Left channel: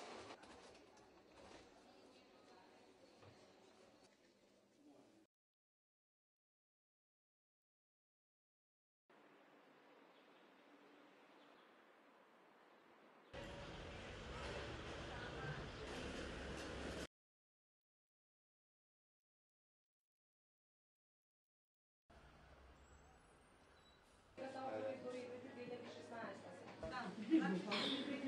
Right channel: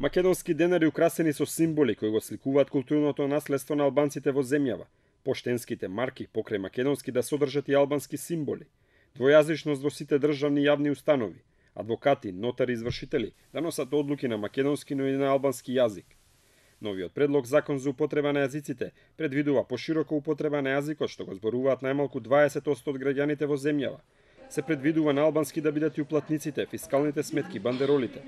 Македонски денари украсени со символи кои го сликуваат културното наследство на албанците во земјава. Поштенските марки покрај македонски да содржат и албански символи. Двојазичност во сите државни јавни установи. Адвокати, нотари, извршители да носат одлуки на македонски, но и на албански јазик. Новиот предлог закон за употреба на јазиците предвидува поширока употреба на јазикот што го зборуваат најмалку 20% од граѓаните во земјава. Се предвидува на албански да бидат и уплатниците, фискалните сметки, бандеролите.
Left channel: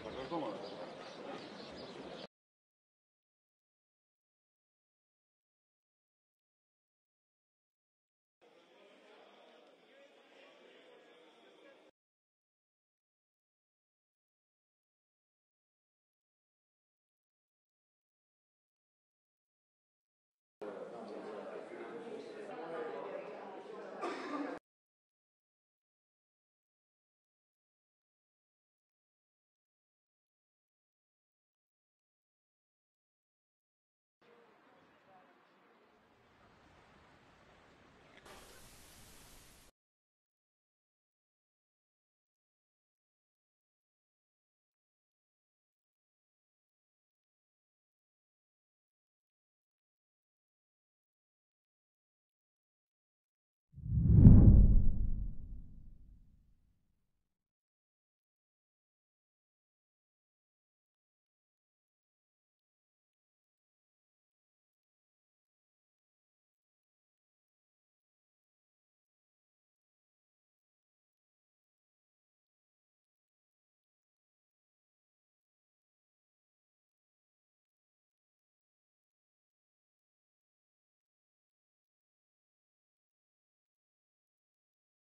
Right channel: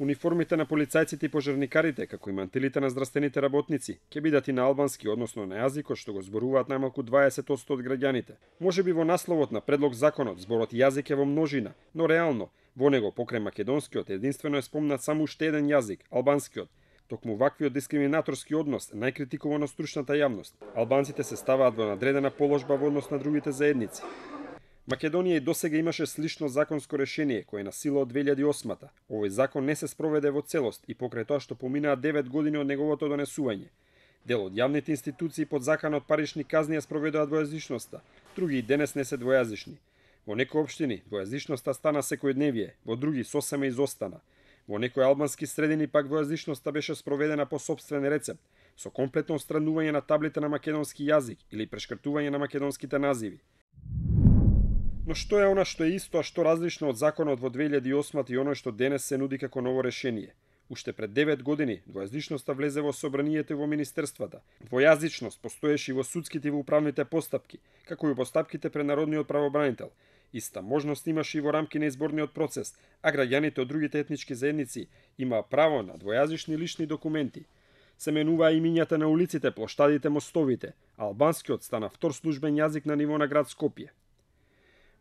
Униформите на полицајците и пожарникарите, како и мантилите на здравствените работници, ќе бидат и на албански, односно на јазикот што го зборуваат најмалку 20% од граѓаните. Можеби во насловот на предлог законот зборот јазик е во множина, но реално во него покрај македонскиот единствено е спомнат само уште еден јазик, албанскиот. Токму ваквиот дискриминаторски однос најкритикуван од стручната јавност. Албанците се ставаат во надредена положба во однос на другите заедници. Македонија и досега имаше слично законско решение кое е на сила од 2008-та. Овој закон не се спроведе во целост и покрај тоа што поминаа 9 години од неговото донесување. Дел од јавните институции под заканот парични казни ја спроведоа двојазичноста, други и денес не се двојазични. Во некои општини двојазичноста стана секојдневие, во други сосема изостана. Во некои албански средини пак двојазичноста беше спроведена по сопствен рецепт, со комплетно отстранување на таблите на македонски јазик или прешкртување на македонските називи. Но што е она што е исто, а што различно од законот во 2008 и оној што денес се нуди како ново решение? Уште пред 9 години двојазичноста влезе во собранието и во министерствата. Двојазичност постоеше и во судските и во управните постапки, како и во постапките пред народниот правобранител. Иста можност имаше и во рамки на изборниот процес, а граѓаните од другите етнички заедници имаа право на двојазични лични документи. Се менуваа имињата на улиците, плоштадите, мостовите, а албанскиот стана втор службен јазик на ниво на град Скопје.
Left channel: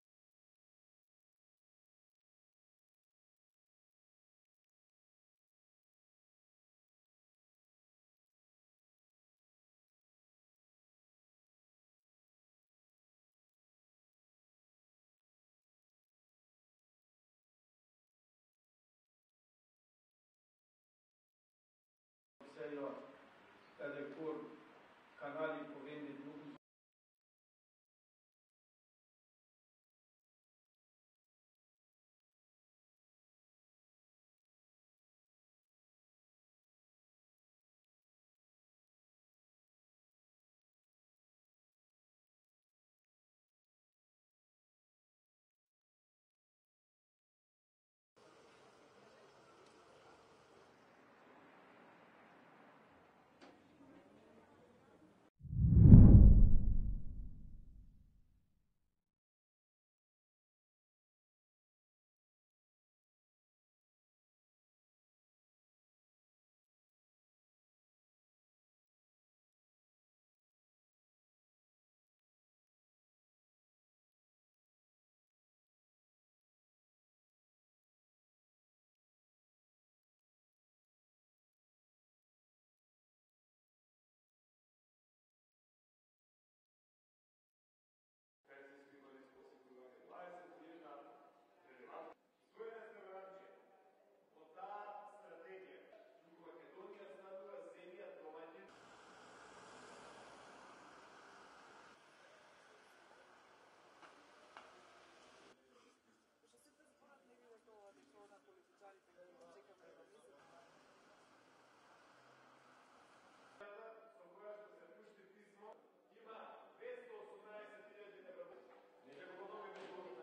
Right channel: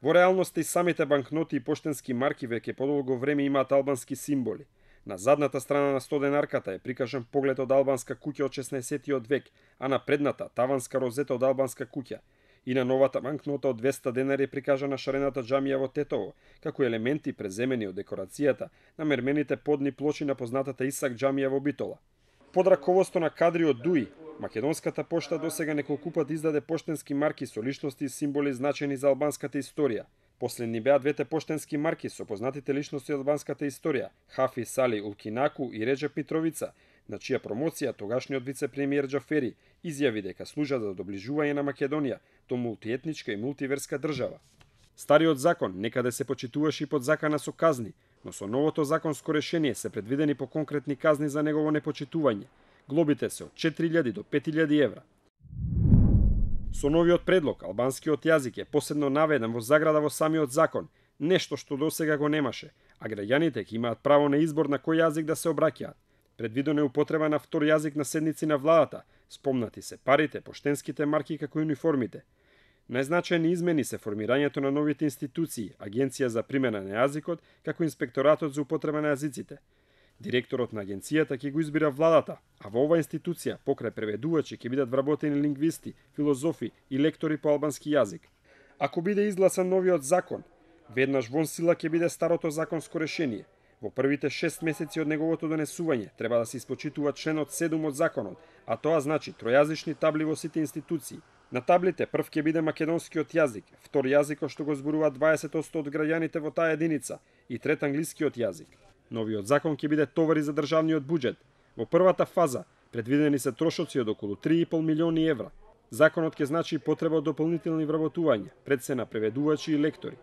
Во реалноста и самите банкноти и поштенски марки веќе подолго време имаат албански символи. На задната страна на 100 денарката е прикажан поглед од албанска куќа од 16 век, а на предната таванска розета од албанска куќа. И на новата банкнота од 200 денари е прикажана шарената џамија во Тетово, како елементи преземени од декорацијата на мермените подни плочи на познатата Исак џамија во Битола. Под раководство на кадри од ДУИ, Македонската пошта досега неколку пат издаде поштенски марки со личности и символи значени за албанската историја. Последни беа двете поштенски марки со познатите личности од албанската историја, Хафи Сали Улкинаку и Реджеп Митровица, на чија промоција тогашниот вице-премиер Џафери изјави дека служат за доближување на Македонија до мултиетничка и мултиверска држава. Стариот закон некаде се почитуваше и под закана со казни, но со новото законско решение се предвидени по конкретни казни за негово непочитување. Глобите се од 4000 до 5000 евра. Со новиот предлог, албанскиот јазик е посебно наведен во заграда во самиот закон, нешто што досега го немаше, а граѓаните ќе имаат право на избор на кој јазик да се обраќаат. Предвидено е употреба на втор јазик на седници на владата, спомнати се парите, поштенските марки како и униформите. Најзначајни измени се формирањето на новите институции, Агенција за примена на јазикот, како Инспекторатот за употреба на јазиците. Директорот на агенцијата ќе го избира владата, а во оваа институција покрај преведувачи ќе бидат вработени лингвисти, филозофи и лектори по албански јазик. Ако биде изгласан новиот закон, веднаш вон сила ќе биде старото законско решение. Во првите 6 месеци од неговото донесување треба да се испочитува членот 7 од законот, а тоа значи тројазични табли во сите институции. На таблите прв ќе биде македонскиот јазик, втор јазикот што го зборуваат 20% од граѓаните во таа единица и трет англискиот јазик. Новиот закон ќе биде товари за државниот буџет. Во првата фаза предвидени се трошоци од околу 3,5 милиони евра. Законот ќе значи потреба од дополнителни вработувања, пред се на преведувачи и лектори.